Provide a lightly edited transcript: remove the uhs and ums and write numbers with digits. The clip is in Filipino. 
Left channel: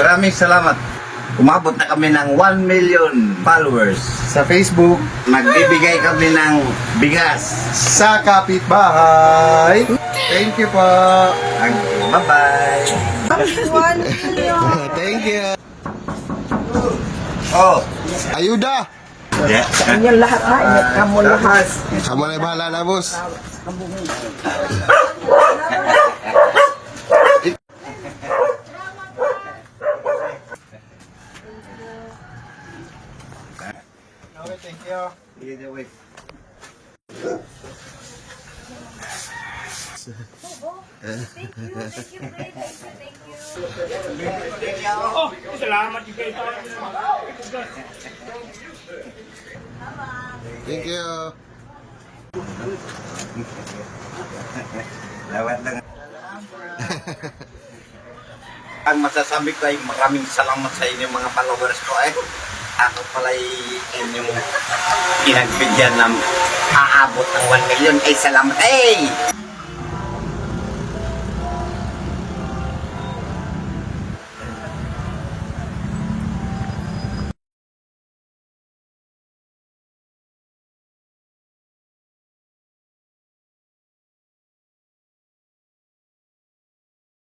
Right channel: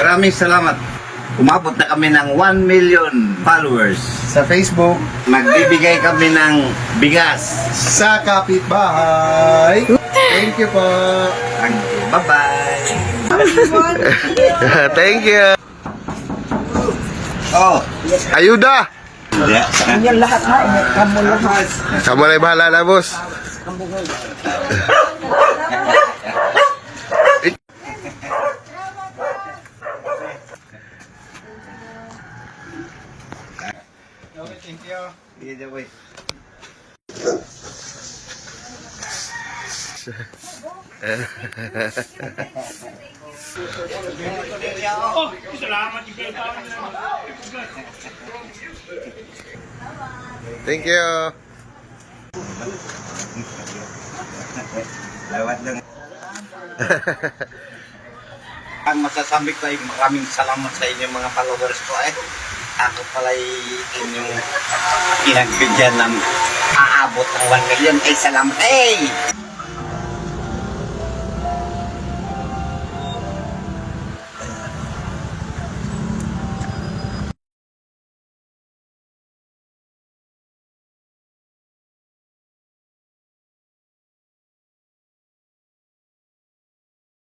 Maraming salamat. Umabot na kami ng 1 million followers. Sa Facebook, Nagbibigay kami ng bigas. sa kapitbahay. Thank you po. Bye-bye. Thank you. Oh, Ayuda. yeah. Inyong lahat ha, inyong kamo lahat. Kamu na bahala na, boss. Okay, thank you. Either way. Thank you. Lawat lang. Ang masasabi ko ay maraming salamat sa inyo mga followers ko ay ako pala inyong pinagbigyan ng aabot ng 1 million. Ay salamat. Hey!